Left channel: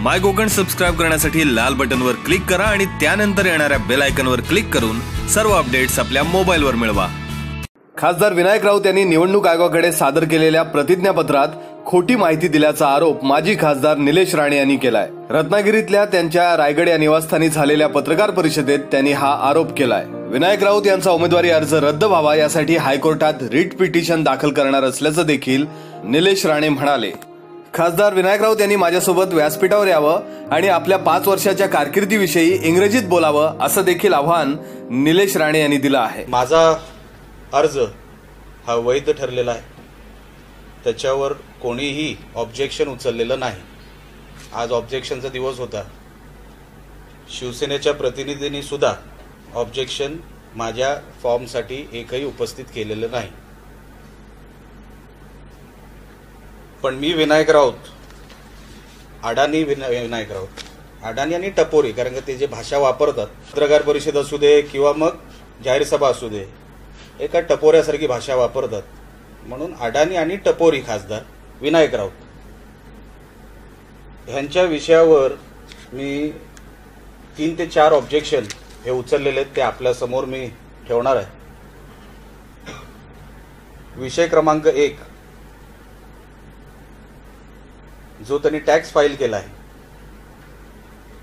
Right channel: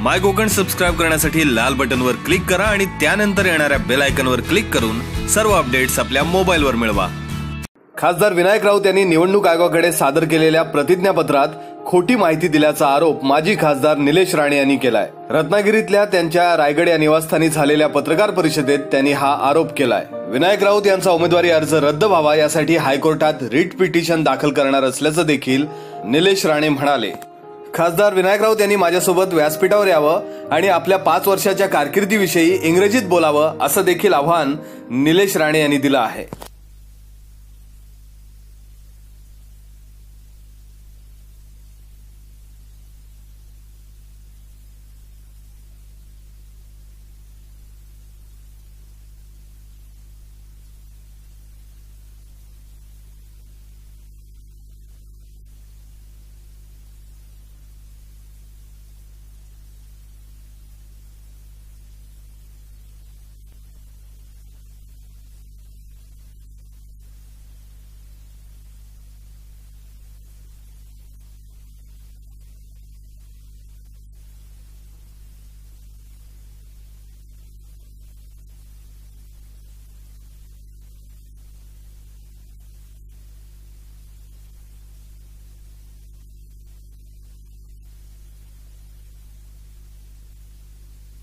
माय Konkan subscribe करण्यासाठी लाल बटनवर click करा आणि त्यानंतर येणाऱ्या बेल आयकनवर क्लिक करून सर्व अपडेट्स आपल्या मोबाईलवर मिळवा. खासदार विनायक राऊत यांनी निवडणूक आयोगाकडे सादर केलेल्या प्रतिज्ञापत्रात खोटी माहिती दिल्याचा आरोप माजी खासदार निलेश राणे यांनी केलाय. रत्नागिरीतल्या त्यांच्या रायगड या निवासस्थानी झालेल्या पत्रकार परिषदेत त्यांनी हा आरोप केलाय. विनायक राऊत यांचा उमेदवारी अर्ज रद्द व्हावा यासाठी हायकोर्टात रिट पिटिशन दाखल करणार असल्याचं देखील निलेश राणे म्हणाले. खासदार विनायक राऊत यांनी माझ्यासोबत व्यासपीठावर यावं आणि आपल्या पाच वर्षाच्या कारकिर्दीविषयी इंग्रजीत बोलावं असं देखील आव्हान निलेश राणे यांनी दिलं आहे. माझा अर्ज हा वैध ठरलेला आहे. त्याच्यावर कोणीही ऑब्जेक्शन उचललेलं नाही. आज ऑब्जेक्शनचा दिवस होता. शिवसेनेच्या प्रतिनिधींनी सुद्धा ऑब्जेक्शन माझ्या फॉर्मसाठी एकही उपस्थित केलेलं नाही. पण मी विनायक राऊत. अडाणी विना- विनायक राऊत. अडाणी आणि टपोरी कारण का ते जे भाषा वापरतात पत्रकार परिषद असू दे किंवा मग जाहीर सभा असू दे एका टपोऱ्यासारखी भाषा वापरतात. म्हणून अडाणी आणि टपोरी खासदार विनायक राऊत. ह्यांच्या विषयावर मी तीन ते चार ऑब्जेक्शन हे उचललेले आहेत ते आपल्यासमोर मी ठेवणार आहे. विषय क्रमांक एक जो त्यांनी टॅक्स फाईल केला आहे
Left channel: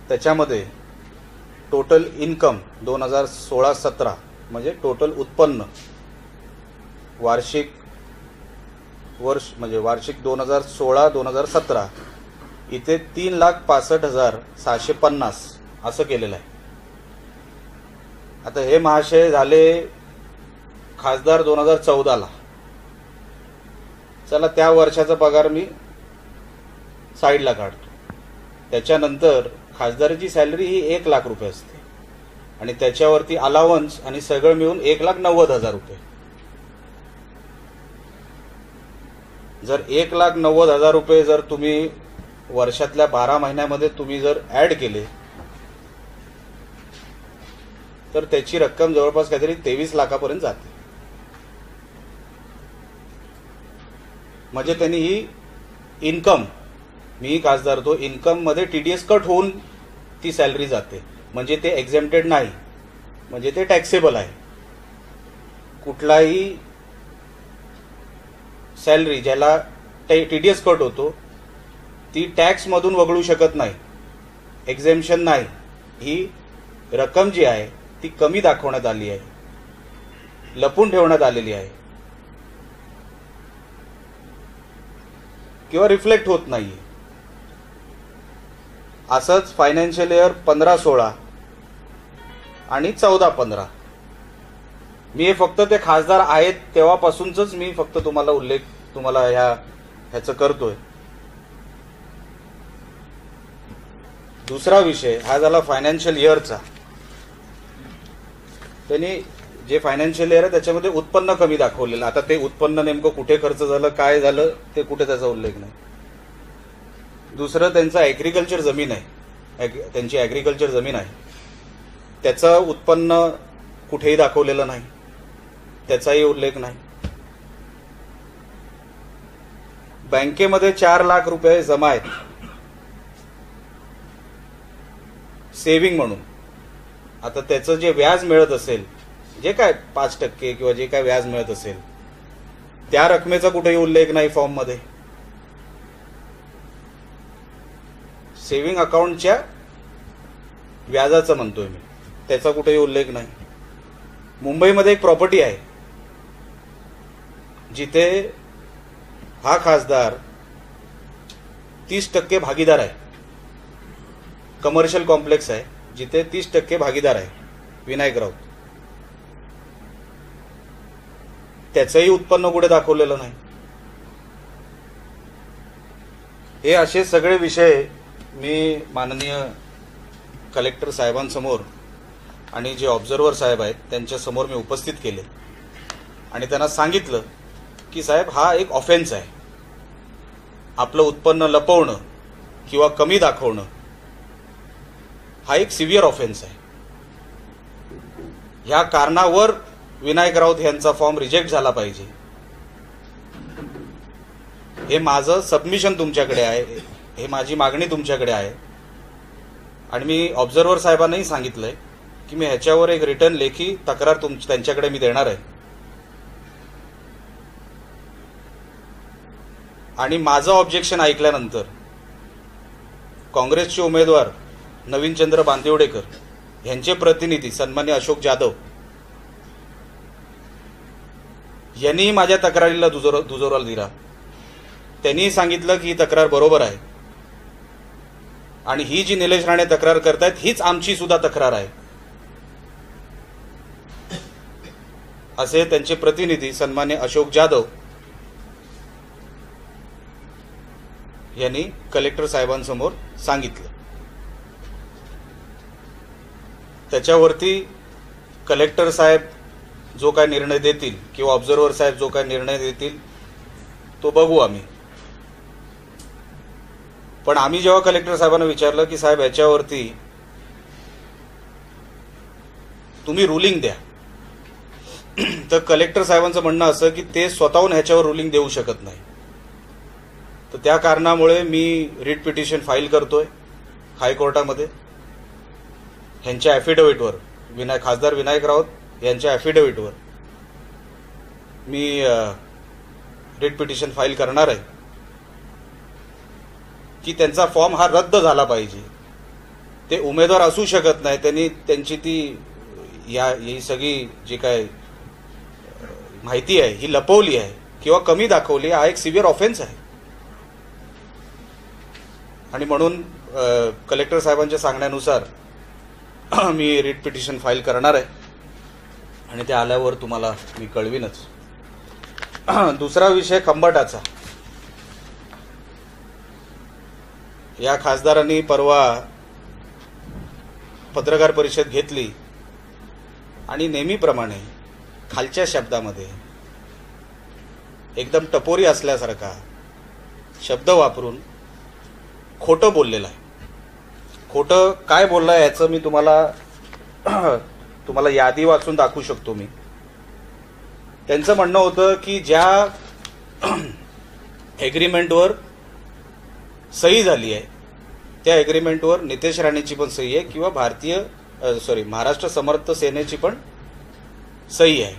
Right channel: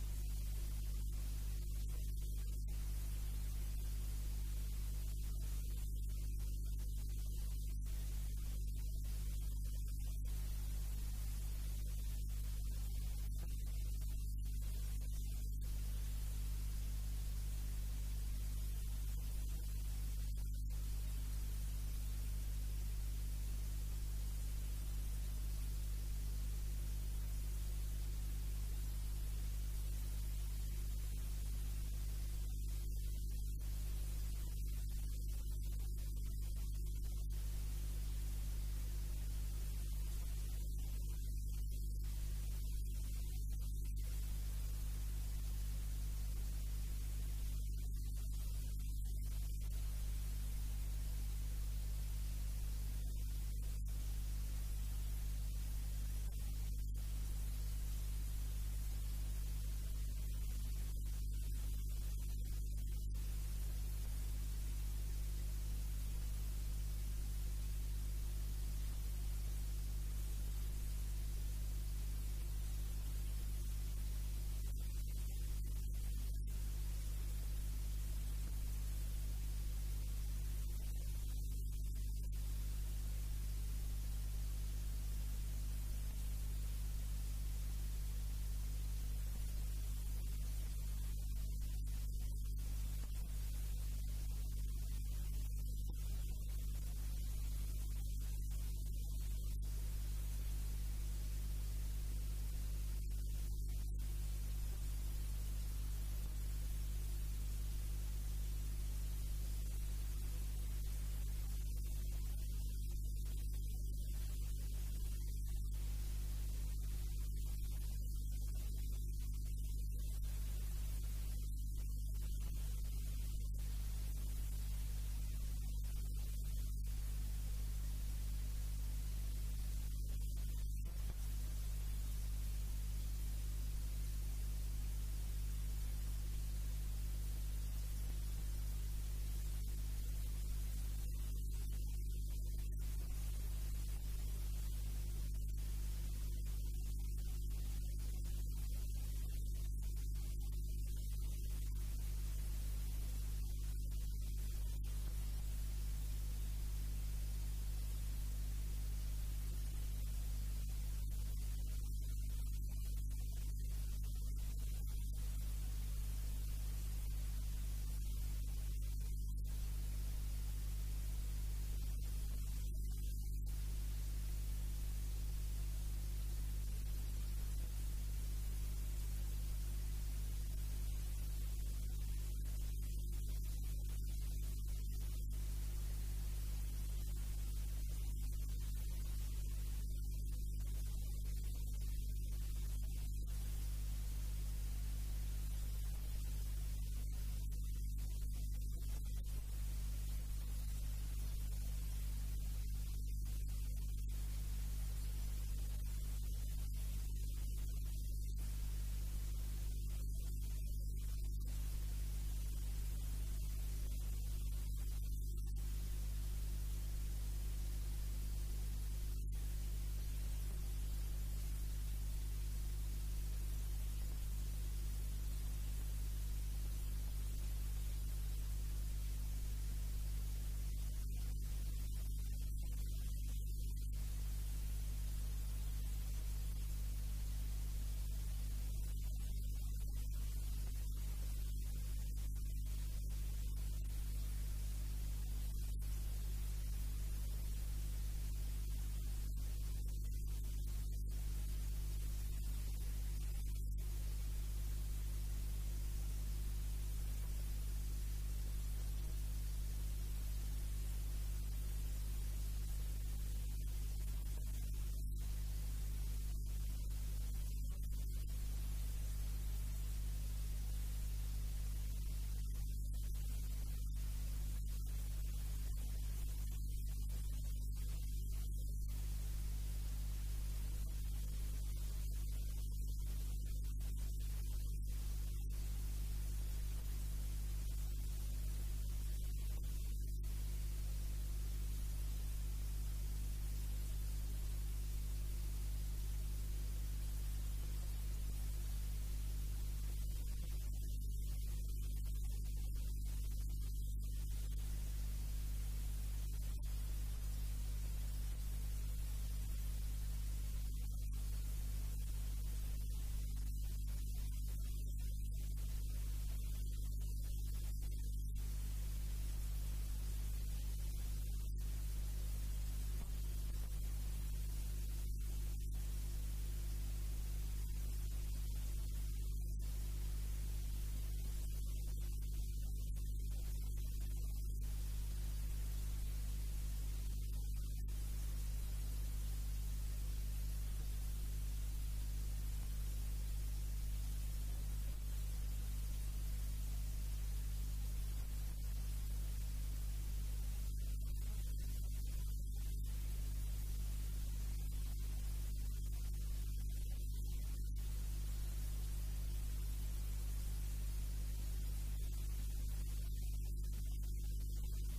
त्याच्यामध्ये टोटल इन्कम दोन हजार सोळा सतरा म्हणजे टोटल उत्पन्न वार्षिक वर्ष म्हणजे वार्षिक दोन हजार सोळा दोन हजार सतरा इथे तीन लाख पासष्ट हजार सहाशे पन्नास असं केलेलं आहे. आता हे महाशय झाले खासदार दोन हजार चौदाला. चला त्या वर्षाचा पगार मी साईडला काढतो. त्याच्यानंतर खासदाराची सॅलरी ही एक लाख रुपये असते. आणि त्याच्यावरती अलावन्स आणि सगळं मिळून एक लाख नव्वद हजार रुपये. जर एक लाख नव्वद हजार रुपये जर तुम्ही वर्षातल्या बारा महिन्यामध्ये तुम्ही जर ऍड केले तर त्याची रक्कम जवळपास काहीतरी तेवीस लाखापर्यंत जाते. म्हणजे त्यांनी ही इन्कम मी खासदार तो इन्कममध्ये टीडीएस कट होऊन ती सॅलरी जाते. म्हणजे ते एक्झेम्प्टेड नाही. म्हणजे ते टॅक्सेबल आहे. कुठलाही सॅलरी ज्याला टीडीएस कट होतो ती टॅक्स मधून वगळू शकत नाही. एक्झेम्पशन नाही. ही रक्कम जी आहे ती कमी दाखवण्यात आली आहे. लपून ठेवण्यात आलेली आहे. किंवा रिफ्लेक्ट होत नाही असंच फायनान्शियल इयर पंधरा सोळा आणि चौदा पंधरा. मी हे फक्त ते खासदार आहेत तेव्हापासूनच मी फक्त तुम्हाला उल्लेख तुम्हाला ह्या ह्याचं करतोय. दुसरा विषय हा झाला फायनान्शियल इयरचा त्यांनी जे फायनान्शियल इयर आहे त्याच्यामध्ये उत्पन्न कमी दाखवलेलं. आता ते उत्पन्न नेमकं कुठे खर्च झालं काय झालं ते कुठे त्याचा उल्लेख नाही. दुसरं त्यांचं ॲग्रिकल्चर जमीन आहे. त्यांची ॲग्रिकल्चर जमीन आहे. त्याचं उत्पन्न कुठेही दाखवलेलं नाही. त्याचाही उल्लेख नाही. बँकेमध्ये चार लाख रुपये जमा आहेत. सेव्हिंग म्हणून. आता त्याचं जे व्याज मिळत असेल जे काय पाच टक्के किंवा जे काय व्याज मिळत असेल त्या रकमेचा कुठेही उल्लेख नाही फॉर्ममध्ये. सेव्हिंग अकाउंटच्या व्याजाचं म्हणतोय मी. त्याचा कुठेही उल्लेख नाही. मुंबईमध्ये एक प्रॉपर्टी आहे. जिथे हा खासदार तीस टक्के भागीदार आहे. कमर्शियल कॉम्प्लेक्स आहे. जिथे तीस टक्के भागीदार आहे. विनायक राऊत. त्याचंही उत्पन्न कुठे दाखवलेलं नाही. हे असे सगळे विषय मी माननीय कलेक्टर साहेबांसमोर आणि जे ऑब्झर्वर साहेब आहेत त्यांच्यासमोर मी उपस्थित केले. आणि त्यांना सांगितलं की साहेब हा एक ऑफेन्स आहे. आपलं उत्पन्न लपवणं किंवा कमी दाखवणं हा एक सिव्हिअर ऑफेन्स आहे. ह्या कारणावर विनायक राऊत यांचा फॉर्म रिजेक्ट झाला पाहिजे. हे माझं सबमिशन तुमच्याकडे आहे. हे माझी मागणी तुमच्याकडे आहे. आणि मी ऑब्झर्वर साहेबांनाही सांगितलंय की मी ह्याच्यावर एक रिटर्न लेखी तक्रार तुम त्यांच्याकडे मी देणार आहे. आणि माझं ऑब्जेक्शन ऐकल्यानंतर काँग्रेसचे उमेदवार नवीनचंद्र बांदिवडेकर यांचे प्रतिनिधी सन्मान्य अशोक जाधव यांनीही माझ्या तक्रारीला दुजोर दुजोराला दिला. त्यांनीही सांगितलं की ही तक्रार बरोबर आहे. आणि ही जी निलेश राणे तक्रार करतायत हीच आमची सुद्धा तक्रार आहे. असे त्यांचे प्रतिनिधी सन्मान्य अशोक जाधव यांनी कलेक्टर साहेबांसमोर सांगितलं. त्याच्यावरती कलेक्टर साहेब जो काय निर्णय देतील किंवा ऑब्झर्व्हर साहेब जो काय निर्णय देतील तो बघू आम्ही. पण आम्ही जेव्हा कलेक्टर साहेबांना विचारलं की साहेब याच्यावरती तुम्ही रुलिंग द्या. तर कलेक्टर साहेबांचं म्हणणं असं की ते स्वतःहून ह्याच्यावर रुलिंग देऊ शकत नाही. तर त्या कारणामुळे मी रिट पिटिशन फाईल करतोय हायकोर्टामध्ये. ह्यांच्या ॲफिडेव्हिटवर विनायक खासदार विनायक राऊत यांच्या ॲफिडेव्हिटवर मी रिट पिटिशन फाईल करणार आहे. की त्यांचा फॉर्म हा रद्द झाला पाहिजे. ते उमेदवार असू शकत नाही त्यांनी त्यांची ती या ही सगळी जी काय माहिती आहे ही लपवली आहे किंवा कमी दाखवली हा एक सिव्हिअर ऑफेन्स आहे. आणि म्हणून कलेक्टर साहेबांच्या सांगण्यानुसार मी रिट पिटिशन फाईल करणार आहे. आणि ते आल्यावर तुम्हाला मी कळवीनच. दुसरा विषय खंबाटाचा. या खासदारांनी परवा पत्रकार परिषद घेतली आणि नेहमीप्रमाणे खालच्या शब्दामध्ये एकदम टपोरी असल्यासारखा शब्द वापरून खोटं बोललेलं आहे. खोटं काय बोललंय याचं मी तुम्हाला तुम्हाला यादी वाचून दाखवू शकतो मी. त्यांचं म्हणणं होतं की ज्या ॲग्रीमेंटवर सही झाली आहे. त्या एग्रीमेंटवर नितेश राणेची पण सही आहे किंवा भारतीय सॉरी महाराष्ट्र समर्थ सेनेची पण सही आहे.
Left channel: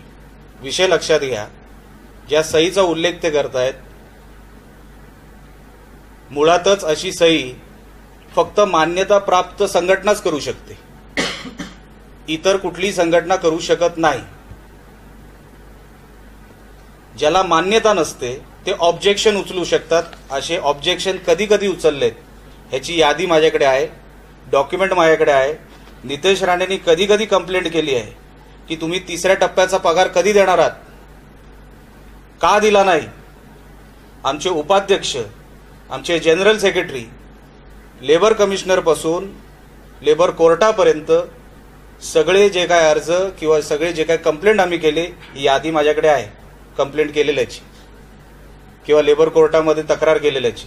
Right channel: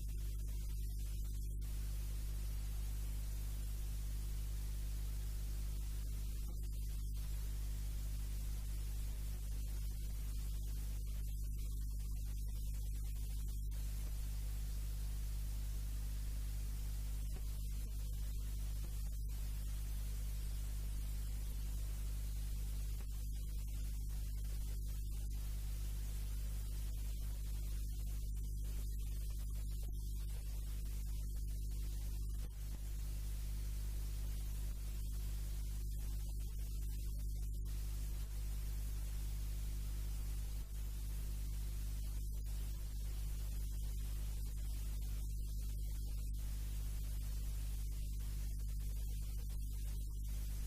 विषय लक्षात घ्या. ज्या सहीचा उल्लेख ते करतायत मुळातच अशी सही फक्त मान्यता प्राप्त संघटनाच करू शकते. इतर कुठली संघटना करू शकत नाही. ज्याला मान्यता नसते ते ऑब्जेक्शन उचलू शकतात. असे ऑब्जेक्शन कधी कधी उचललेत. ह्याची यादी माझ्याकडे आहे. डॉक्युमेंट माझ्याकडे आहे. नितेश राणेंनी कधी कधी कंप्लेंट केली आहे की तुम्ही तिसऱ्या टप्प्याचा पगार कधी देणार आहात? का दिला नाही? आमचे उपाध्यक्ष आमचे जनरल सेक्रेटरी लेबर कमिशनरपासून लेबर कोर्टापर्यंत सगळे जे काय अर्ज किंवा सगळे जे काय कंप्लेंट आम्ही केले ही यादी माझ्याकडे आहे. कंप्लेंट केलेल्याची. किंवा लेबर कोर्टामध्ये तक्रार केलेल्याची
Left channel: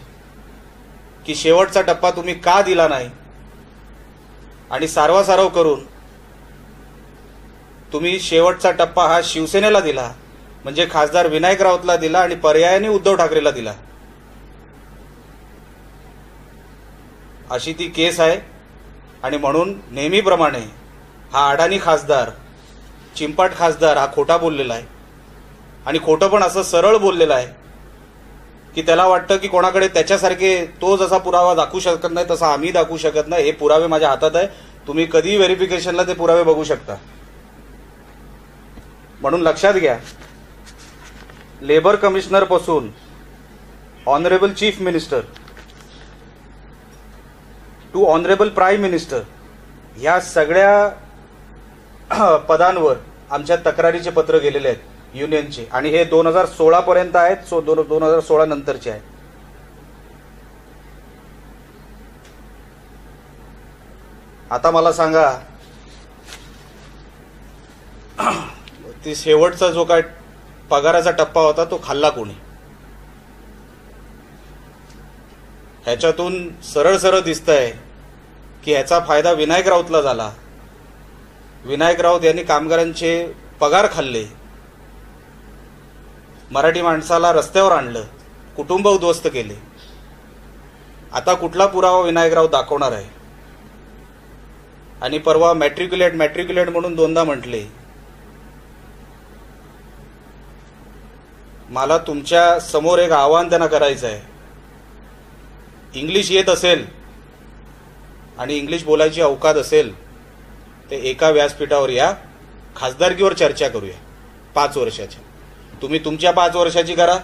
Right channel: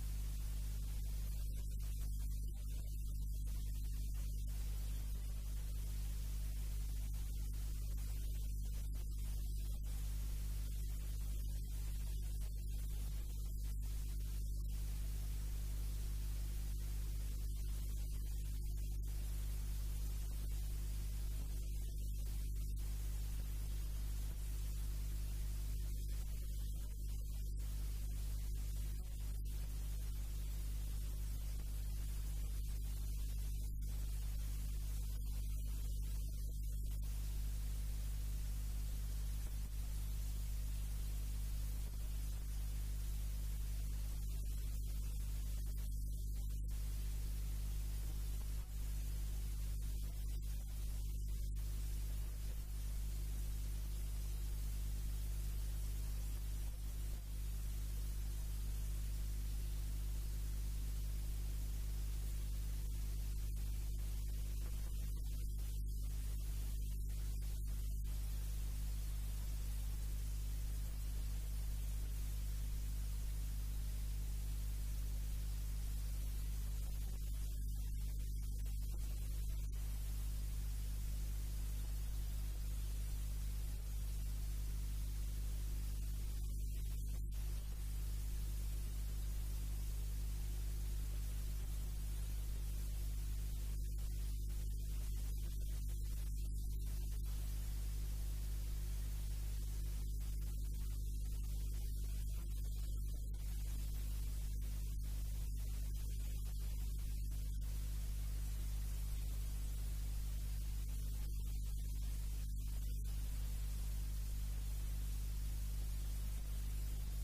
की शेवटचा टप्पा तुम्ही का दिला नाही? आणि सारवासारव करून तुम्ही शेवटचा टप्पा हा शिवसेनेला दिला म्हणजे खासदार विनायक राऊतला दिला आणि पर्यायाने उद्धव ठाकरेला दिला. अशी ती केस आहे आणि म्हणून नेहमीप्रमाणे हा अडाणी खासदार चिंपाट खासदार हा खोटा बोललेला आहे. आणि खोटं पण असं सरळ बोललेलं आहे. की त्याला वाटतं की कोणाकडे त्याच्यासारखे तो जसा पुरावा दाखवू शकत नाही तसा आम्ही दाखवू शकत नाही. हे पुरावे माझ्या हातात आहे. तुम्ही कधी व्हेरिफिकेशनला ते पुरावे बघू शकता. म्हणून लक्षात घ्या labour कमिशनरपासून honourable chief minister to honourable prime minister ह्या सगळ्या पदांवर आमच्या तक्रारीचे पत्र गेलेले आहेत. युनियनचे. आणि हे दोन हजार सोळा पर्यंत आहेत सो दोन दोन हजार सोळा नंतरचे आहेत आता मला सांगा ती शेवटचा जो काय पगाराचा टप्पा होता तो खाल्ला कोणी? ह्याच्यातून सरळ सरळ दिसतंय की ह्याचा फायदा विनायक राऊतला झाला. विनायक राऊत यांनी कामगारांचे पगार खाल्ले. मराठी माणसाला रस्त्यावर आणलं कुटुंब उद्ध्वस्त केले. आता कुठला पुरावा विनायकराव दाखवणार आहे? आणि परवा मॅट्रिक्युलेट मॅट्रिक्युलेट म्हणून दोनदा म्हटले मला तुमच्यासमोर एक आव्हान त्यांना करायचं आहे. इंग्लिश येत असेल आणि इंग्लिश बोलायची अवकात असेल ते एका व्यासपीठावर या. खासदारकीवर चर्चा करूया. पाच वर्षाच्या. तुम्ही तुमच्या पाच वर्षाची करा.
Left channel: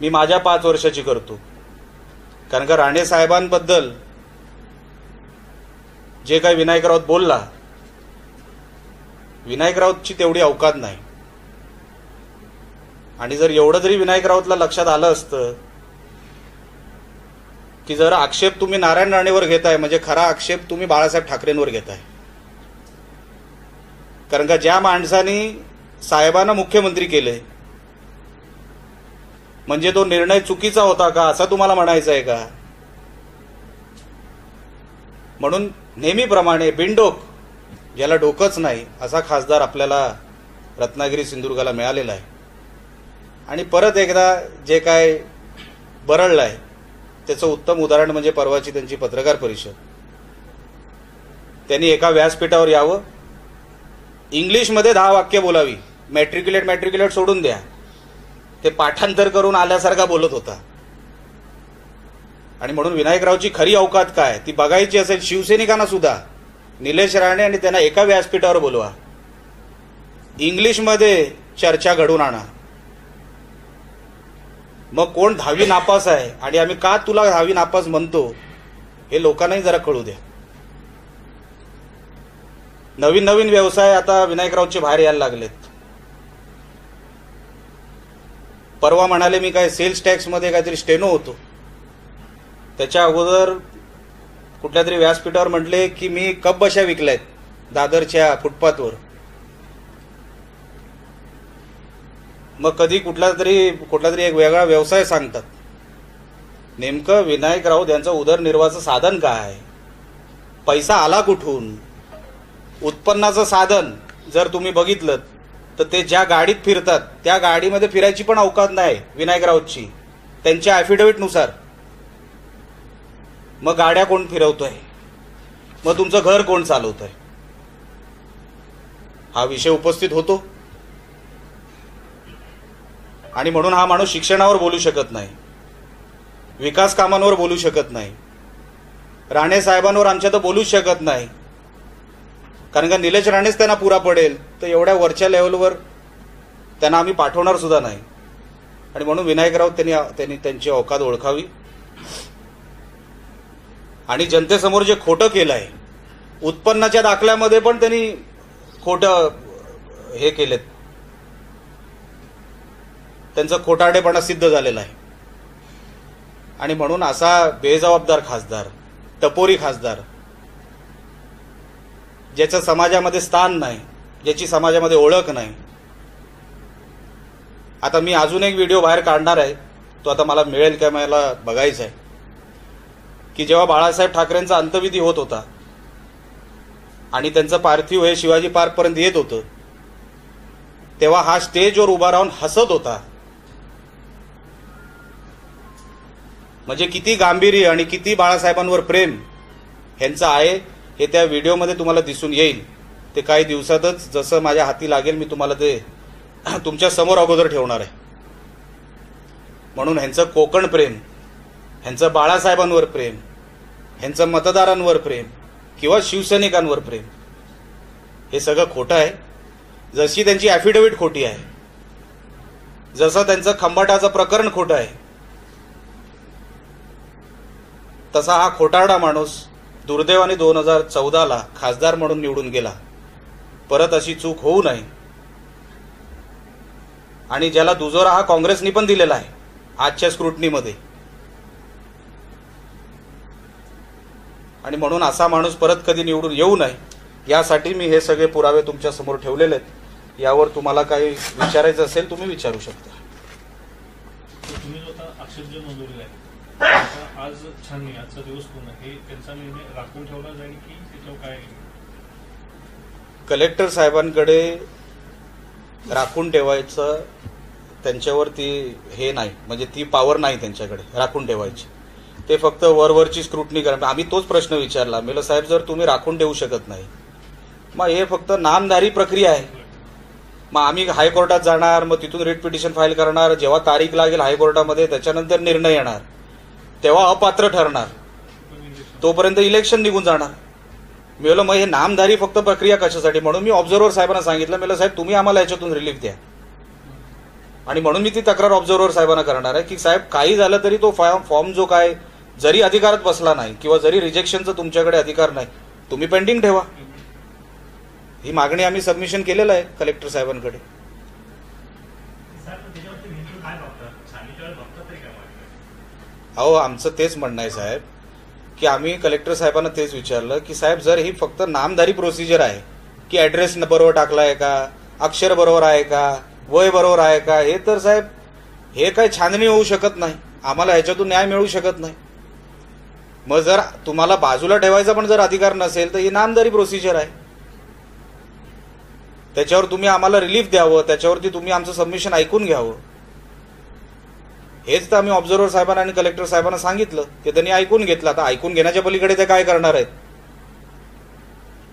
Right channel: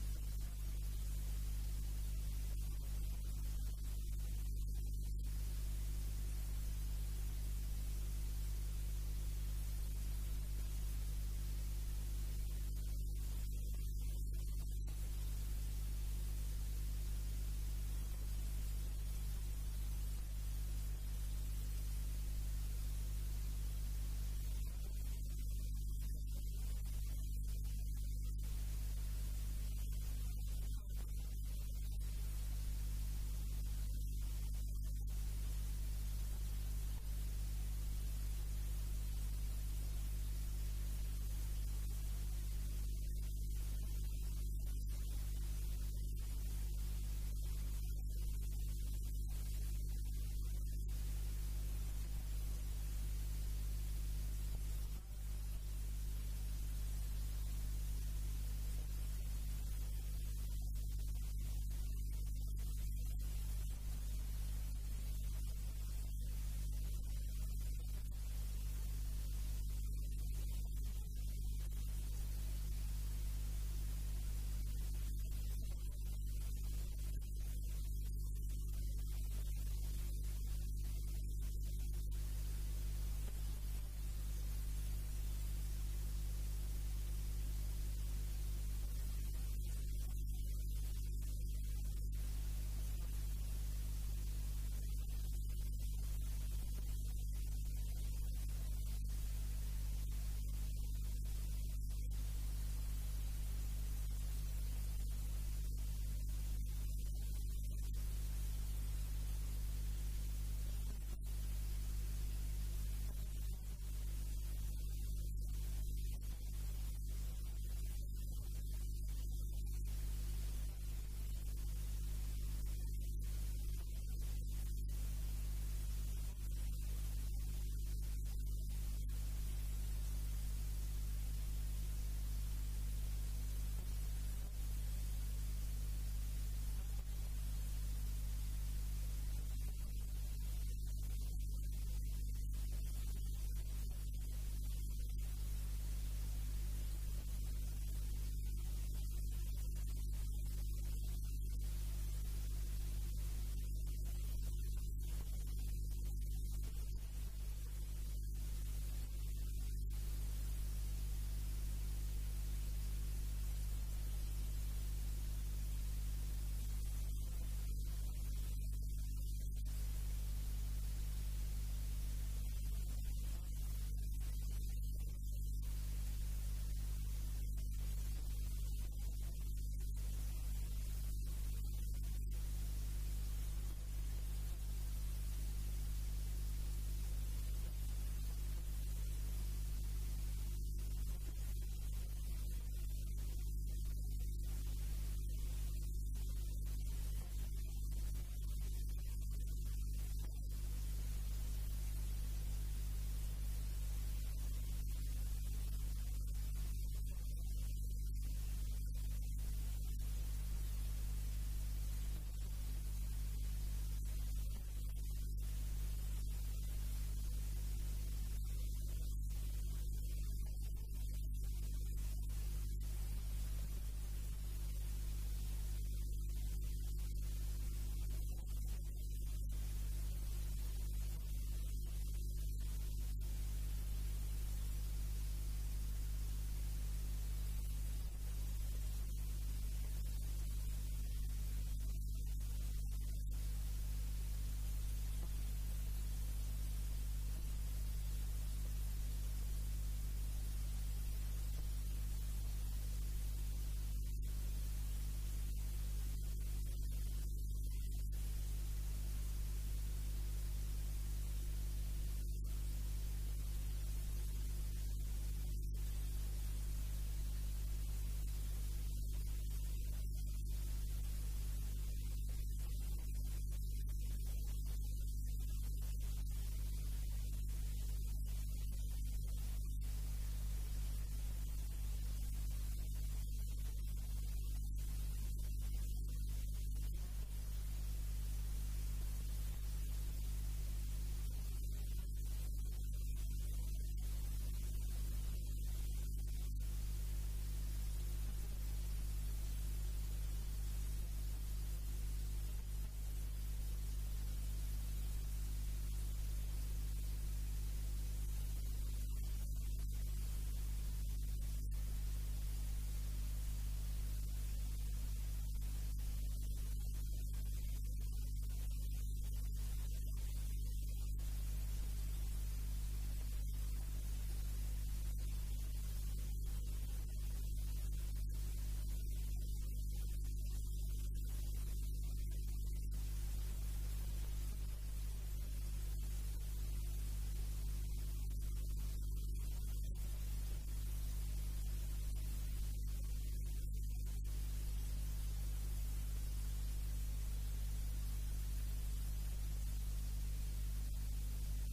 मी माझ्या पाच वर्षाची करतो. कारण का राणे साहेबांबद्दल जे काही विनायक राऊत बोलला विनायक राऊतची तेवढी अवकात नाही. आणि जर एवढं जरी विनायक राऊतला लक्षात आलं असतं की जर आक्षेप तुम्ही नारायण राणेवर घेताय म्हणजे खरा आक्षेप तुम्ही बाळासाहेब ठाकरेंवर घेताय. कारण का ज्या माणसाने साहेबांना मुख्यमंत्री केले म्हणजे तो निर्णय चुकीचा होता का असं तुम्हाला म्हणायचं आहे का? म्हणून नेहमीप्रमाणे बिनडोक ज्याला डोकंच नाही असा खासदार आपल्याला रत्नागिरी सिंधुदुर्गाला मिळालेला आहे. आणि परत एकदा जे काय बरळलं आहे त्याचं उत्तम उदाहरण म्हणजे परवाची त्यांची पत्रकार परिषद. त्यांनी एका व्यासपीठावर यावं. इंग्लिशमध्ये दहा वाक्य बोलावी. मॅट्रिक्युलेट मॅट्रिक्युलेट सोडून द्या. ते पाठांतर करून आल्यासारखा बोलत होता. आणि म्हणून विनायकरावची खरी अवकात काय? ती बघायची असेल शिवसैनिकांना सुद्धा. निलेश राणे आणि त्यांना एका व्यासपीठावर बोलवा. इंग्लिशमध्ये चर्चा घडून आणा. मग कोण दहावी नापास आहे? आणि आम्ही का तुला दहावी नापास म्हणतो? हे लोकांनाही जरा कळू द्या. नवीन नवीन व्यवसाय आता विनायकरावचे बाहेर यायला लागलेत. परवा म्हणाले मी काय सेल्स टॅक्समध्ये काहीतरी स्टेनो होतो. त्याच्या अगोदर कुठल्या तरी व्यासपीठावर म्हटले की मी कप बशा विकल्यात दादरच्या फुटपाथवर. मग कधी कुठला तरी कुठला तरी एक वेगळा व्यवसाय सांगतात. नेमकं विनायक राऊत यांचं उदरनिर्वाहाचं साधन काय पैसा आला कुठून? उत्पन्नाचं साधन जर तुम्ही बघितलं तर ते ज्या गाडीत फिरतात त्या गाडीमध्ये फिरायची पण अवकात नाही विनायक राऊतची. त्यांच्या ॲफिडेव्हिटनुसार मग गाड्या कोण फिरवतोय? मग तुमचं घर कोण चालवतोय? हा विषय उपस्थित होतो. आणि म्हणून हा माणूस शिक्षणावर बोलू शकत नाही. विकास कामांवर बोलू शकत नाही. राणे साहेबांवर आमच्या तर बोलूच शकत नाही. कारण का निलेश राणेच त्यांना पुरा पडेल. तर एवढ्या वरच्या लेवलवर त्यांना आम्ही पाठवणार सुद्धा नाही. आणि म्हणून विनायकराव त्यांनी त्यांनी त्यांची औकात ओळखावी. आणि जनतेसमोर जे खोटं केलं आहे उत्पन्नाच्या दाखल्यामध्ये पण त्यांनी खोटं हे केलेत. त्यांचं खोटाडेपणा सिद्ध झालेला आहे. आणि म्हणून असा बेजबाबदार खासदार टपोरी खासदार ज्याचं समाजामध्ये स्थान नाही ज्याची समाजामध्ये ओळख नाही. आता मी अजून एक व्हिडिओ बाहेर काढणार आहे. तो आता मला मिळेल का मला बघायचा आहे. की जेव्हा बाळासाहेब ठाकरेंचा अंतविधी होत होता आणि त्यांचं पार्थिव हे शिवाजी पार्कपर्यंत येत होतं तेव्हा हा स्टेजवर उभा राहून हसत होता. म्हणजे किती गांभीर्य आणि किती बाळासाहेबांवर प्रेम ह्यांचं आहे हे त्या व्हिडिओमध्ये तुम्हाला दिसून येईल. ते काही दिवसातच जसं माझ्या हाती लागेल मी तुम्हाला ते तुमच्यासमोर अगोदर ठेवणार आहे. म्हणून ह्यांचं कोकण प्रेम ह्यांचं बाळासाहेबांवर प्रेम ह्यांचं मतदारांवर प्रेम किंवा शिवसैनिकांवर प्रेम हे सगळं खोटं आहे. जशी त्यांची ॲफिडेव्हिट खोटी आहे जसं त्यांचं खंबाटाचं प्रकरण खोटं आहे तसा हा खोटारडा माणूस दुर्दैवाने दोन हजार चौदाला खासदार म्हणून निवडून गेला. परत अशी चूक होऊ नये. आणि ज्याला दुजोरा हा काँग्रेसनी पण दिलेला आहे आजच्या स्क्रुटनीमध्ये. आणि म्हणून असा माणूस परत कधी निवडून येऊ नये यासाठी मी हे सगळे पुरावे तुमच्यासमोर ठेवलेले आहेत. यावर तुम्हाला काही विचारायचं असेल तुम्ही विचारू शकता. आज छाननी आजचा दिवस पूर्ण हे त्यांचा निर्णय राखून ठेवला जाईल की त्याच्यावर काय? कलेक्टर साहेबांकडे राखून ठेवायचं त्यांच्यावर ती हे नाही म्हणजे ती पॉवर नाही त्यांच्याकडे राखून ठेवायची. ते फक्त वरवरची स्क्रुटनी करा. आम्ही तोच प्रश्न विचारला. मेलं साहेब जर तुम्ही राखून ठेवू शकत नाही मग हे फक्त नामधारी प्रक्रिया आहे. मग आम्ही हायकोर्टात जाणार मग तिथून रिट पिटिशन फाईल करणार. जेव्हा तारीख लागेल हायकोर्टामध्ये त्याच्यानंतर निर्णय येणार. तेव्हा अपात्र ठरणार. तोपर्यंत इलेक्शन निघून जाणार. मी म्हणलं मग हे नामधारी फक्त प्रक्रिया कशासाठी? म्हणून मी ऑब्झर्वर साहेबांना सांगितलं. मी साहेब तुम्ही आम्हाला याच्यातून रिलीफ द्या. आणि म्हणून मी ती तक्रार ऑब्झर्वर साहेबांना करणार आहे की साहेब काही झालं तरी तो फॉर्म फॉर्म जो काय जरी अधिकारात बसला नाही किंवा जरी रिजेक्शनचा तुमच्याकडे अधिकार नाही तुम्ही पेंडिंग ठेवा. ही मागणी आम्ही सबमिशन केलेलं आहे कलेक्टर साहेबांकडे. अहो आमचं तेच म्हणणं आहे साहेब की आम्ही कलेक्टर साहेबांना तेच विचारलं की साहेब जर ही फक्त नामधारी प्रोसिजर आहे की ॲड्रेस बरोबर टाकला आहे का अक्षर बरोबर आहे का वय बरोबर आहे का हे तर साहेब हे काही छाननी होऊ शकत नाही. आम्हाला ह्याच्यातून न्याय मिळू शकत नाही. मग जर तुम्हाला बाजूला ठेवायचा पण जर अधिकार नसेल तर ही नामधारी प्रोसिजर आहे. त्याच्यावर तुम्ही आम्हाला रिलीफ द्यावं त्याच्यावरती तुम्ही आमचं सबमिशन ऐकून घ्यावं. हेच तर आम्ही ऑब्झर्वर साहेबांना आणि कलेक्टर साहेबांना सांगितलं. ते त्यांनी ऐकून घेतलं. आता ऐकून घेण्याच्या पलीकडे ते काय करणार आहेत?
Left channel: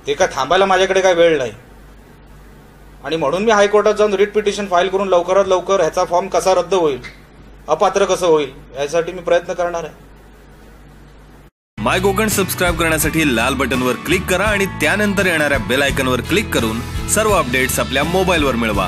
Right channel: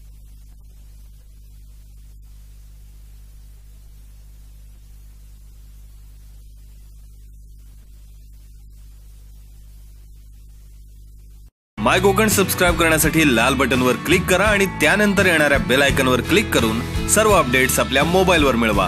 ते काय थांबायला माझ्याकडे काय वेळ नाही. आणि म्हणून मी हायकोर्टात जाऊन रिट पिटिशन फाईल करून लवकरात लवकर ह्याचा फॉर्म कसा रद्द होईल? अपात्र कसं होईल? यासाठी मी प्रयत्न करणार आहे. माय कोकण सबस्क्राईब करण्यासाठी लाल बटनवर क्लिक करा आणि त्यानंतर येणाऱ्या बेल आयकनवर क्लिक करून सर्व अपडेट्स आपल्या मोबाईलवर मिळवा.